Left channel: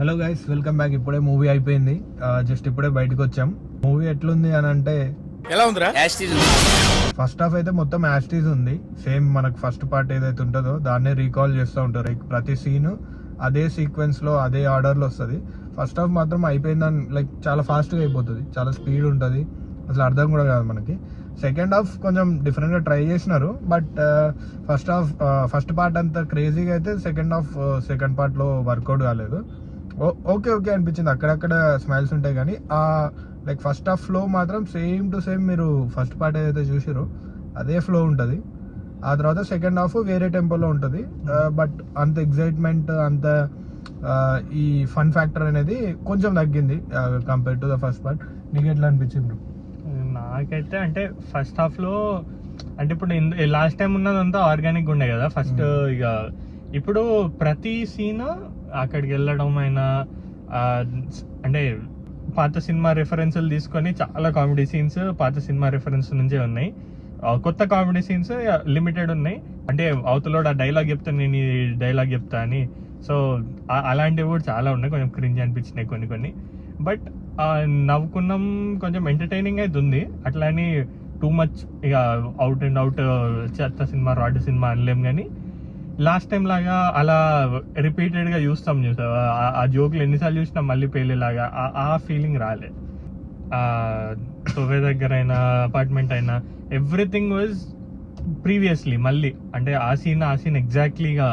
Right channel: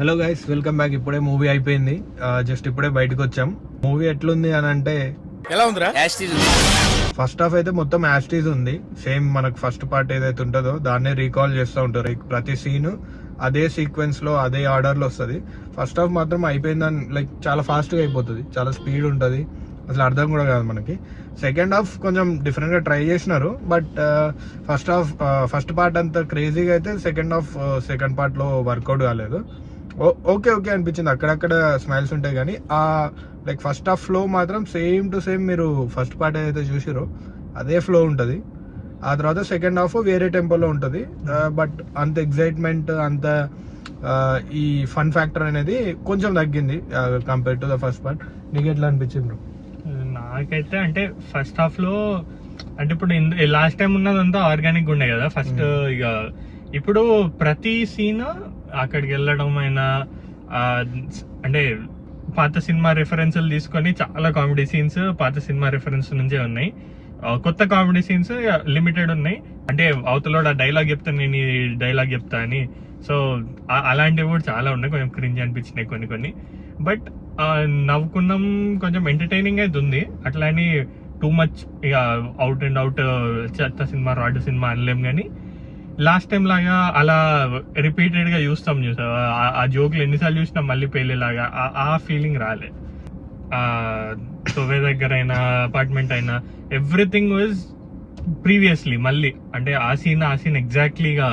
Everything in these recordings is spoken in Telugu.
Hello guys, welcome back. ఇప్పుడే మూవీ అయిపోయింది, జస్ట్ ఇప్పుడే బయటకు వచ్చాం. మూవీ ఎట్లుంది అని అంటే ఎలా ఉందిరా? ఫస్ట్ హాఫ్ అయితే మొత్తం యాస్టీజ్ ఉంది. సేమ్ మనకు ఫస్ట్ పార్ట్ ఏదైతే ఉంటుందో దాన్నే రీకాల్ చేస్తూ ఉంటారు. ప్రతి సీన్ అదే సీక్వెన్స్ లో అదే ఆర్డర్ లో వస్తుంది. ఫస్ట్ హాఫ్ మాత్రం అయిపోయిందని లైక్ చాలా ఫాస్ట్ గా అయిపోతుంది, చాలా స్పీడ్ ఉంటుంది, అసలు అర్థం కూడా కాదు మనకి. సెకండ్ హాఫ్ కొంచెం డిఫరెంట్ గా ట్రై చేసినారు, బట్ ఫస్ట్ పార్ట్ అంత క్రేజీగా అయితే సెకండ్ పార్ట్ లో వర్కౌట్ కాలేదు. ఓకే అనిపించింది, అక్కడక్కడ స్మైల్స్ ఉంటాయి కానీ ఆ లైక్ ఫస్ట్ హాఫ్ ఫ్లో మాత్రం సేమ్ టు సేమ్ మీరు ఫస్ట్ పార్ట్ ఏదైతే చూసిరో అదే ఫ్లో ఉంటుంది. ఆ తర్వాత సెకండ్ హాఫ్ వేరే టెంపోలో ఉంటుంది, బట్ అంత ఎగ్జైట్మెంట్ అంత ఈ ఫన్ ఫ్యాక్టర్ అనేది కొంచెం తగ్గింది compare to the first part. నీకు ఎట్లా అనిపించింది బ్రో? నాకైతే అంటే ఫస్ట్ హాఫ్ లో అంటే ఇప్పుడు లాస్ట్ టైం ఉన్నదంతా ఆర్గానిక్ ఉండే కదా ఫస్ట్. ఇక ఇప్పుడు ప్రతి సీన్ అక్కడికి వెళ్ళడం అయినా అంటే పాత సినిమా రెఫరెన్స్లు తీసుకొని చాలా కామెడీ సీన్స్ పాత సినిమా రెఫరెన్స్ నుంచే ఉన్నాయి. కొత్త కామెడీ సీన్స్ లిమిటెడ్ ఉన్నాయి. అంటే అవతల డైలాగ్ చెప్తా, నేను ఈ డైలాగ్ చెప్తా అని. సో అలాంటివి కూడా చాలా ఉన్నాయి, కొంచెం క్రింజ్ అనిపించినాయి కొన్ని. బట్ నవ్వుకున్నాం, కొంచెం ఎంటర్టైనింగ్ అయితే ఉంది. అట్లా అని టూ మచ్ ఇక అవుట్ అండ్ అవుట్ చెత్త సినిమా రాడ్ సినిమా అనలేం. కానీ లాస్ట్ టైం లాగా అలా రిపీటెడ్ గా చూస్తాం ఆ జోక్లు ఎన్నిసార్లు చూసినా మళ్ళీ పెళ్లిలాగా ఆ ఫీలింగ్ రాలే. తొవ్వే దగ్గర అయినా అపార్ట్మెంట్ అయినా ఎవ్రీథింగ్ వాజ్ ప్రీవియస్లీ మళ్ళీ అంటే ఆ సీన్ ఎగ్జాక్ట్లీగా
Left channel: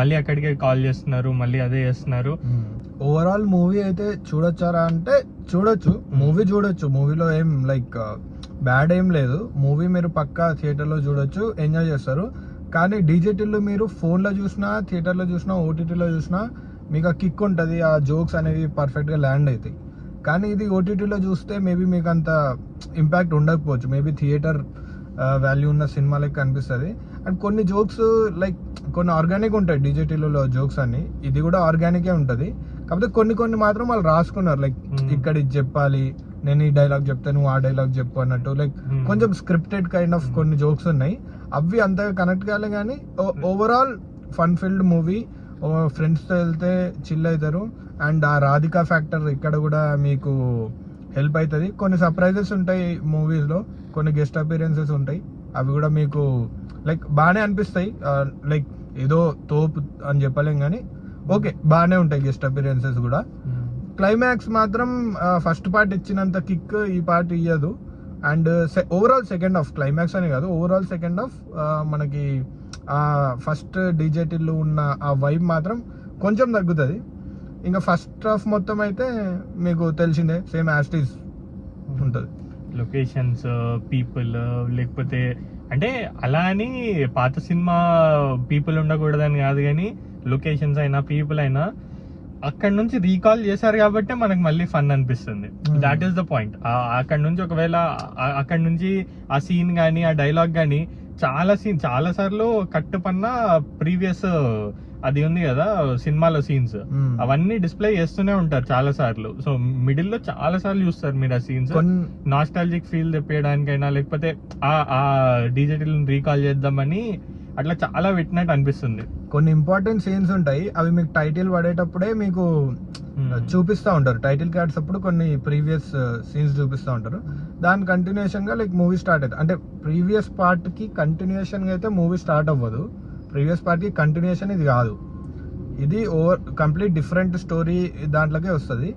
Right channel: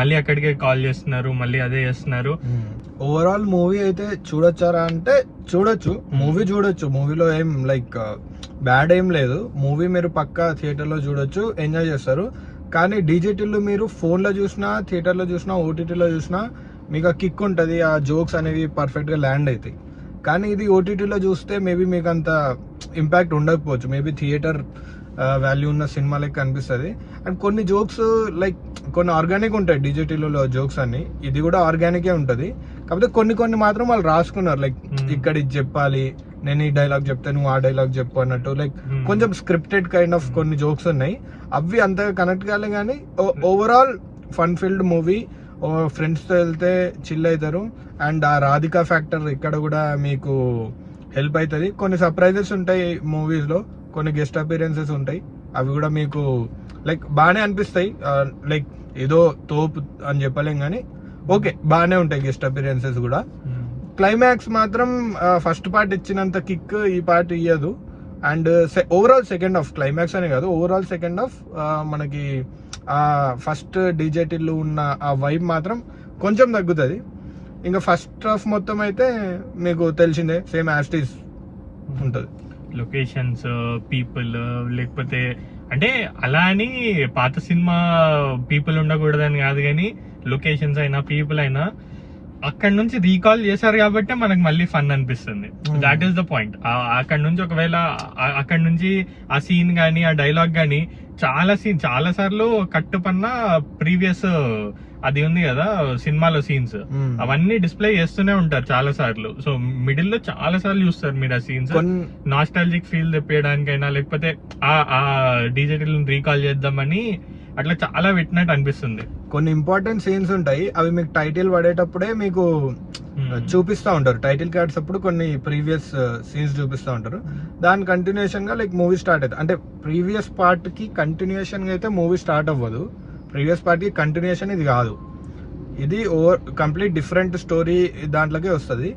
మళ్ళీ అక్కడికే కాల్ చేస్తున్నారు, మళ్ళీ అదే చేస్తున్నారు. ఓవరాల్ మూవీ అయితే చూడొచ్చారా అంటే చూడొచ్చు, మూవీ చూడొచ్చు. మూవీలో ఏం లైక్ బ్యాడ్ ఏం లేదు. మూవీ మీరు పక్కా థియేటర్లో చూడొచ్చు, ఎంజాయ్ చేస్తారు. కానీ డీజేటీలో మీరు ఫోన్లో చూసినా, థియేటర్లో చూసినా, ఓటీటీలో చూసినా మీకు ఆ కిక్ ఉంటుంది, ఆ జోక్స్ అనేవి పర్ఫెక్ట్గా ల్యాండ్ అవుతాయి. కానీ ఇది ఓటీటీలో చూస్తే మేబీ మీకు అంత ఇంపాక్ట్ ఉండకపోవచ్చు. మేబీ థియేటర్ వాల్యూ ఉన్న సినిమా లెక్క అనిపిస్తుంది. అండ్ కొన్ని జోక్స్ లైక్ కొన్ని ఆర్గానిక్ ఉంటాయి డీజేటీలో జోక్స్ అన్ని, ఇది కూడా ఆర్గానికే ఉంటుంది. కాకపోతే కొన్ని మాత్రం వాళ్ళు రాసుకున్నారు, లైక్ ఇక్కడ ఇది చెప్పాలి, నేను ఈ డైలాగ్ చెప్తే నువ్వు ఆ డైలాగ్ చెప్పు అన్నట్టు. లైక్ కొంచెం స్క్రిప్టెడ్ కైండ్ ఆఫ్ కొన్ని జోక్స్ ఉన్నాయి, అవి అంతగా కనెక్ట్ కాలే. కానీ ఓవరాల్ ఫన్ ఫీల్డ్ మూవీ, ఫ్రెండ్స్తో వెళ్తే చిల్ అవుతారు. అండ్ ఆ రాధికా ఫ్యాక్టర్ ఇక్కడ కూడా మీకు హెల్ప్ అవుతుంది. కొన్ని సర్ప్రైజెస్ ఉంటాయి మూవీస్లో, కొన్ని గెస్ట్ అపీరెన్సెస్ ఉంటాయి, అవి కూడా మీకు లైక్ బాగానే అనిపిస్తాయి. లైక్ ఏదో తోపు అని చెప్పలేం కానీ ఓకే బాగానే ఉంటాయి గెస్ట్ అపీరెన్సెస్ కూడా. క్లైమాక్స్ మాత్రం ఫస్ట్ పార్ట్ ఇచ్చినంత కిక్ ఈ పార్ట్ ఇయ్యదు. And overall second half, climax అనే కాదు, ఓవరాల్ సెకండ్ హాఫ్ మనకి ఆ ఫస్ట్ డీజేటీలో ఉన్న ఆ వైబ్ మాత్రం కొంచెం తగ్గుతుంది. ఇంకా ఫస్ట్ హాఫ్ మొత్తం అయితే మీకు తెలిసిందే, సేమ్ యాస్టీస్ ఉంటుంది. లొకేషన్స్, పీపుల్, లేకపోతే అంటే అలా అని పాత సినిమా పీపుల్ ఉండకూడదని కాదు, కానీ లొకేషన్స్ అయినా పీపుల్ అయినా అక్కడ నుంచి రీకాల్ చేశారు కాబట్టి మనకు మళ్ళీ ఫన్ అనిపిస్తుంది. That is the point. అక్కడ నుంచి ఒకవేళ అక్కడ నుంచి ఆ సీన్ కానీ ఆ డైలాగ్ కానీ చాలా సార్లు కట్టుపన్న ప్రీవియస్ అది ఉంది కదా సినిమాలో సీన్స్, అవన్నీ డిస్ప్లే చేస్తూనే ఉంటారు చాలా సార్లు. సో మిడిల్ లో చాలా సార్లు చూస్తారు మీరు ఆ సీన్స్. నాస్టాలజిక్ ఫీల్ తెప్పేయడానికైనా లేకపోతే ఆ డిజిటల్ రీకాల్ చేద్దామని అట్లా చాలా పెట్టినట్టు అనిపిస్తుంది. కొన్ని ఇంపార్టెంట్ సీన్స్ ఉంటాయి, అవి మీకు టైటిల్ పడేటప్పుడే మీకు చూపిస్తూ ఉంటారు. టైటిల్ కార్డ్స్ అప్పుడు కొన్ని ప్రీవియస్ సీన్స్ చూపిస్తూ ఉంటారు. దాని కంటిన్యూషన్ గా లైక్ మూవీ స్టార్ట్ అవుతుంది. అంటే ప్రీవియస్ పార్ట్ కి కంటిన్యూషన్ గా అయితే మూవీ స్టార్ట్ అవ్వదు. ప్రీవియస్ పార్ట్ కి కంటిన్యూషన్ ఇది కాదు, ఇది కంప్లీట్ డిఫరెంట్ స్టోరీ దాంట్లోకే వస్తుంది.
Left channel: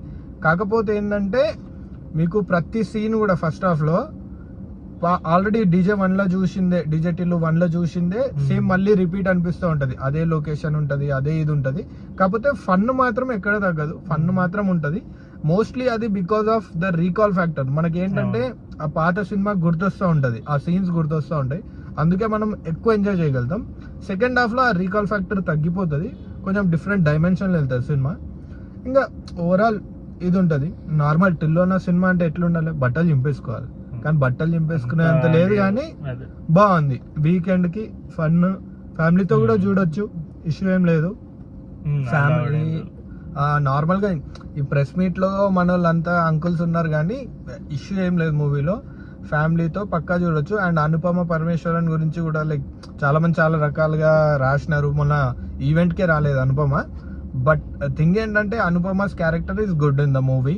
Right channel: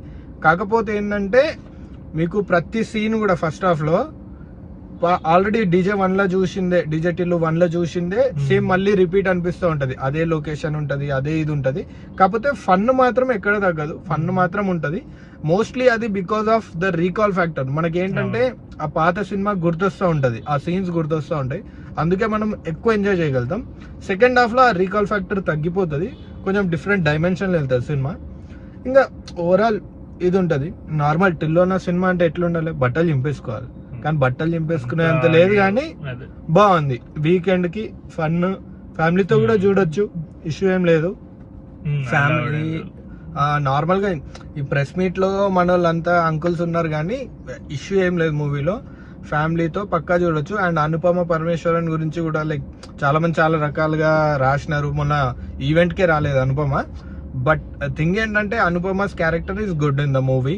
కాకపోతే ఏంటంటే మీకు ప్రతి సీన్ కూడా ఫస్ట్ హాఫ్ లో ఆల్రెడీ డీజే 1లో చూసిందే, డీజేటీలో 1లో చూసిందే సేమ్ మళ్ళీ రిపీట్ అనిపిస్తూ ఉంటది. అదే లొకేషన్ ఉంటది, అదే ఇది ఉంటది. కాకపోతే ఫన్ మాత్రం ఎక్కడ తగ్గదు, ఫన్ మాత్రం ఉంటది. మోస్ట్లీ అది because of the recall factor. మనకేంటంటే ఆ పాత సినిమా గుర్తొస్తూ ఉంటది, ఆ సీన్స్ గుర్తొస్తూ ఉంటాయి, అందుకే మనం ఎక్కువ ఎంజాయ్ చేయగలుగుతాం. సెకండ్ హాఫ్ లో ఆ రీకాల్ ఫ్యాక్టర్ తగ్గిపోతుంది, కొంచెం డిఫరెంట్ డైమెన్షన్ వెళ్తుంది సినిమా. ఇంకా ఓవరాల్ ఇది ఉంటది. నార్మల్ టిల్లోన సినిమా అంటే ఎట్లుండాలి, బట్టలు చింపేసుకోవాలి, కానీ బట్టలు చింపేసుకునే అంత లేదు. కానీ బాగుంది, వీకెండ్ కి ఫన్, ఫ్యామిలీతో కూడా చూడొచ్చు, ఇష్యూ ఏం లేదు. ఫ్యామిలీ నార్మల్ గా ఈ ప్రెస్ మీట్ లో మన వాళ్ళంతా అంకుల్స్ ఉన్నారు, కానీ ఇష్యూ ఏం లేదు మూవీలో. ఫ్యామిలీతో పక్కా చూడొచ్చు. అండ్ అనుపమ పరమేశ్వరన్ గురించి కూడా లైక్ చాలా మంది చాలా రకాలుగా రాసినారు. మొన్న ఈవెంట్ కే రాలేదు అనుపమ, బట్ థింగ్ ఏంటంటే Anupama's character is good in the movie.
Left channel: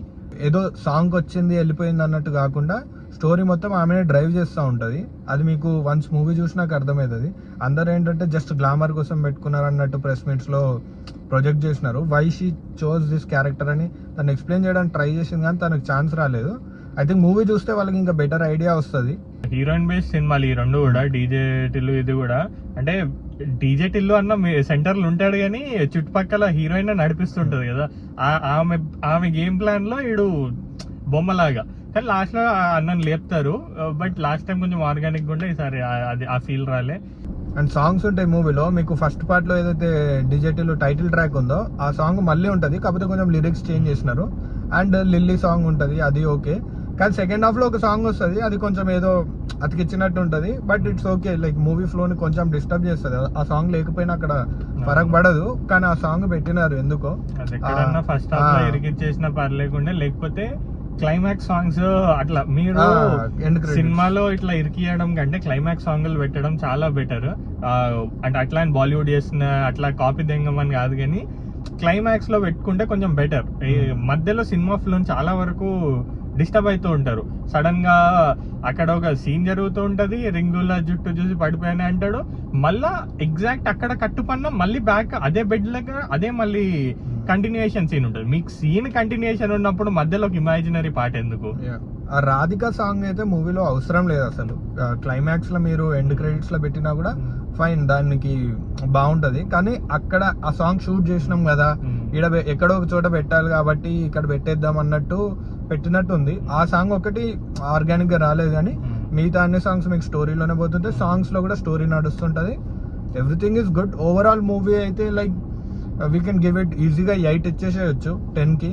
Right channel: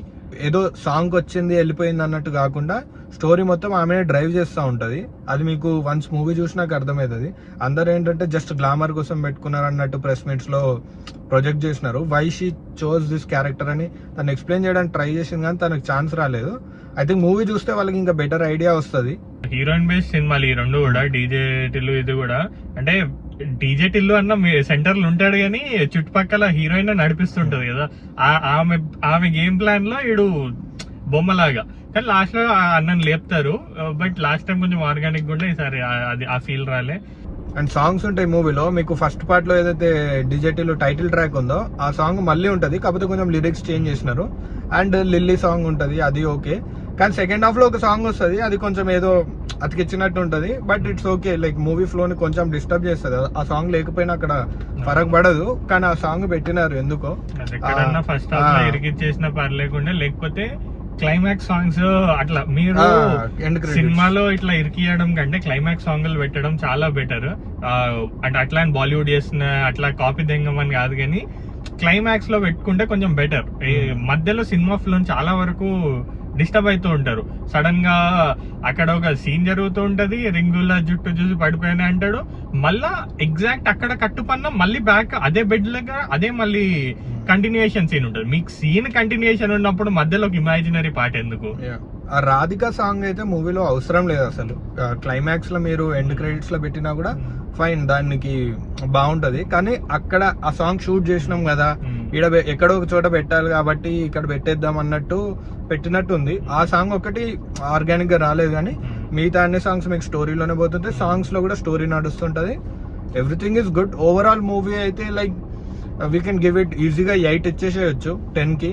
ఏదో సాంగ్ వచ్చింది వెళ్ళిపోయింది అన్నట్టు కాకుండా స్టోరీ మొత్తం ఆమెనే డ్రైవ్ చేస్తూ ఉంటుంది. అది మీకు వన్స్ మూవీ చూసినాక అర్థమవుతుంది. అందరు ఏంటంటే జస్ట్ గ్లామర్ కోసం పెట్టుకున్నారు అన్నట్టు ప్రెస్ మీట్స్ లో ప్రొజెక్ట్ చేసినారు. Why she chose this character అని తను ఎక్స్ప్లెయిన్ చేయడానికి ట్రై చేసింది, కానీ తనకు ఛాన్స్ రాలేదు. ఐ థింక్ మూవీ చూస్తే వాళ్ళకి ఇంకా బెటర్ ఐడియా వస్తుంది. హీరోయిన్ బేస్ సినిమాలు ఈ రెండు కూడా, డీజే టిల్లు ఇది కూడా. అంటే డీజే టిల్లు అన్న సెంటర్ లో ఉంటాడు కానీ చుట్టుపక్కల హీరోయిన్ నడిపిస్తుంటది కదా. ఆమె గేమ్ ప్లాన్ లో ఈడు బొమ్మలాగా, కానీ లాస్ట్ లో అన్నని లేపుతారు. బట్ లాస్ట్ టైం కొంచెం ఆర్గానిక్ కూడా, ఈసారి అది ఆ ఫీల్ రాలే. అండ్ సాంగ్స్ ఉంటాయి మూవీలో. మీకు ఫస్ట్ పార్ట్ లో ఏదైతే డిజిటల్ టైటిల్ ట్రాక్ ఉందో ఆ సాంగ్ మళ్ళీ ఉంటది, కాకపోతే కొంచెం లిరిక్స్ చేంజ్ చేసినారు. అండ్ లిల్లీ సాంగ్ ఉంటది, అది ఓకే. కానీ సెకండ్ హాఫ్ లో ఒక సాంగ్ వస్తుంది, అది కొంచెం ఏదో అతికిచ్చినట్టు ఉంటది. But it's okay, like movie flow ని కొంచెం డిస్టర్బ్ చేస్తుంది. ఆ సాంగ్ లేకపోయినా అక్కడ ఫరక్ పడదు, కానీ ఆ సాంగ్ పెట్టినారు ఎందుకో. ఫస్ట్ హాఫ్ లో ఇరికిచ్చేసిన పర్లేకుండా, లేకపోతే క్లైమాక్స్ సాంగ్స్ అట్లా మీరు సినిమాలో ఇట్లా ఇరికియడం కంటే క్లైమాక్స్ సాంగ్లు పెట్టడం చాలా బెటర్. అంటే అట్లా బాలీవుడ్ చేసిన అట్లా కాపీ దెంగమని కాదు, కానీ క్లైమాక్స్ లో పెట్టుకుంటే కొంచెం బెటర్. మధ్యలో సినిమా ఫ్లో చాలా వరకు డిస్టర్బ్ అవుతూ ఉంటారు. సడన్ గా అక్కడ ఒక సీన్ జరుగుతూ ఉంటది, రింగుల జుట్టు చూసి పడిపోయానే అంటాడు, మళ్ళా ఎగ్జాక్ట్ అక్కడ కట్టుపన్న మళ్ళీ బ్యాక్ అదే బెడ్ లాగా అదే మళ్ళీ కంటిన్యూయేషన్ సీన్ ఉంటుంది. మీకు సీన్ కంటిన్యూయేషన్ ఉన్నప్పుడు మధ్యలో ఒక ఇమాజినరీ పార్ట్ ఎందుకు? ఆ రాధిక సాంగ్ అయితే మూవీలో అవసరం లేదు అసలు. క్లైమాక్స్ లో మీరు ఎండ్ క్రెడిట్స్ లో పెట్టినా కూడా ఫైన్, దానికి బాగుంటది. కానీ అక్కడ ఆ సాంగ్ షూట్ చేసినాం కదా, ఇక్కడ ఎక్కడో ఒక చోట పెట్టాలి కాబట్టి ఇక్కడ పెట్టేద్దాం అన్నట్టు పెట్టినట్టు ఉంది. ఆ సాంగ్ ఒకటి ఆర్గానిక్ గా రాలేదు, కానీ మిగతా అన్ని సాంగ్స్ మీకు స్టోరీలోనే పోతుంటాయి. సాంగ్స్ లో కూడా స్టోరీ నడుస్తుంటది. Everything is good. Overall movie అయితే like we can give it ఈజీగా 8 ఇచ్చేసేయచ్చు 10 కి.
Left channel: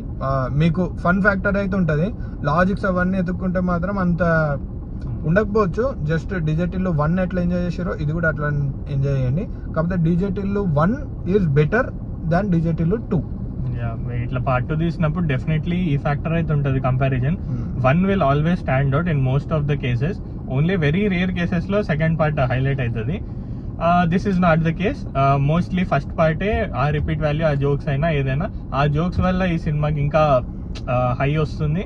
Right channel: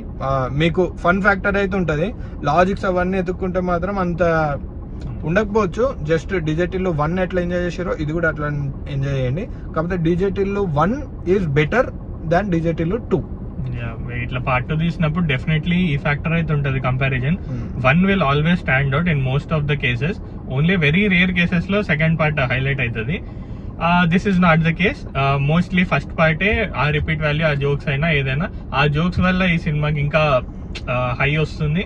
మీకు ఫన్ ఫ్యాక్టర్ అయితే ఉంటుంది. లాజిక్స్ అవన్నీ ఎత్తుక్కుంటే మాత్రం అంత ఉండకపోవచ్చు. జస్ట్ డిజిటల్ 1 ఎట్లా ఎంజాయ్ చేసారో ఇది కూడా అట్లా ఎంజాయ్ చేయండి. కాకపోతే digital 1 is better than digital 2. ఇట్లా పార్ట్ 2 తీసినప్పుడు డెఫినెట్లీ ఈ ఫ్యాక్టర్ అయితే ఉంటుంది comparison. 1 will always stand out in most of the cases. Only very rare cases లో సెకండ్ పార్ట్ హైలైట్ అవుతుంది. This is not the case. Mostly first పార్టే ఆ రిపీట్ వాల్యూ, ఆ జోక్స్ అయినా ఏదైనా, ఆ జోక్స్ వల్ల ఈ సినిమాకి ఇంకా హై వస్తుంది.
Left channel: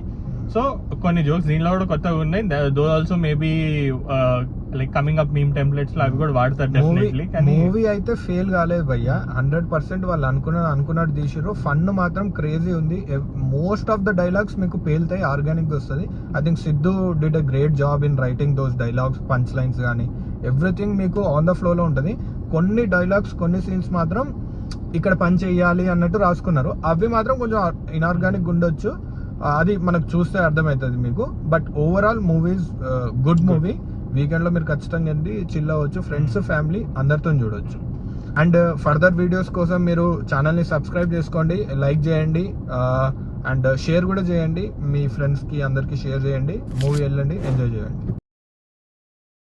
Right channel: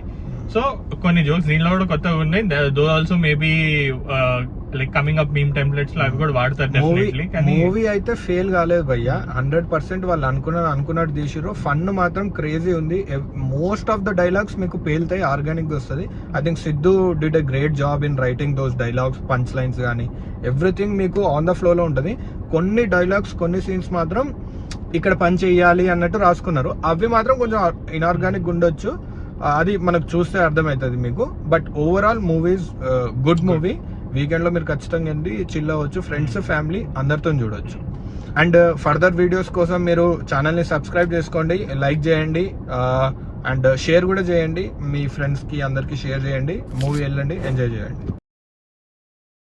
సో కొన్ని జోక్స్ దీనిలో కూడా కొత్తగా ఉన్నాయి. Though also maybe like coming up meme templates లో అవి కూడా వాడతారు డెఫినెట్లీ. కానీ మూవీ అయితే ఫెయిల్ కాలేదు భయ్య, 100% వాళ్ళు అనుకున్నట్టు తీసిరు. ఫన్ మాత్రం క్రేజీ ఉంది. మోస్ట్ ఆఫ్ ద డైలాగ్స్ మీకు పేలుతాయి, ఆర్గానిక్ గా వస్తుంది. I think Siddhu did a great job in writing those dialogues, punch lines కానీ ఎవ్రీథింగ్ మీకు ఆన్ ద ఫ్లో లో ఉంటుంది. కొన్ని డైలాగ్స్ కొన్ని సీన్స్ మాత్రం ఇక్కడ పని చేయాలి అన్నట్టు రాసుకున్నారు, అవి మాత్రం కొంచెం ఇన్ఆర్గానిక్ ఉండొచ్చు. అది మనకు చూస్తే అర్థమవుతుంది మీకు. But overall movies good movie. Weekend లో మీరు ఖచ్చితంగా ఏంటి చిల్ అవ్వచ్చు, ఫ్రెండ్స్ ఫ్యామిలీ అందరితో చూడొచ్చు. అండ్ ఫర్దర్ వీడియోస్ కోసం మీరు ఛానల్ ని సబ్స్క్రైబ్ చేసుకోండి, లైక్ చేయండి, అండ్ షేర్ కూడా చేయండి. మీ ఫ్రెండ్స్ కి అందరికి షేర్ చేయండి. మూవీ వెళ్ళండి, ఎంజాయ్ చేయండి.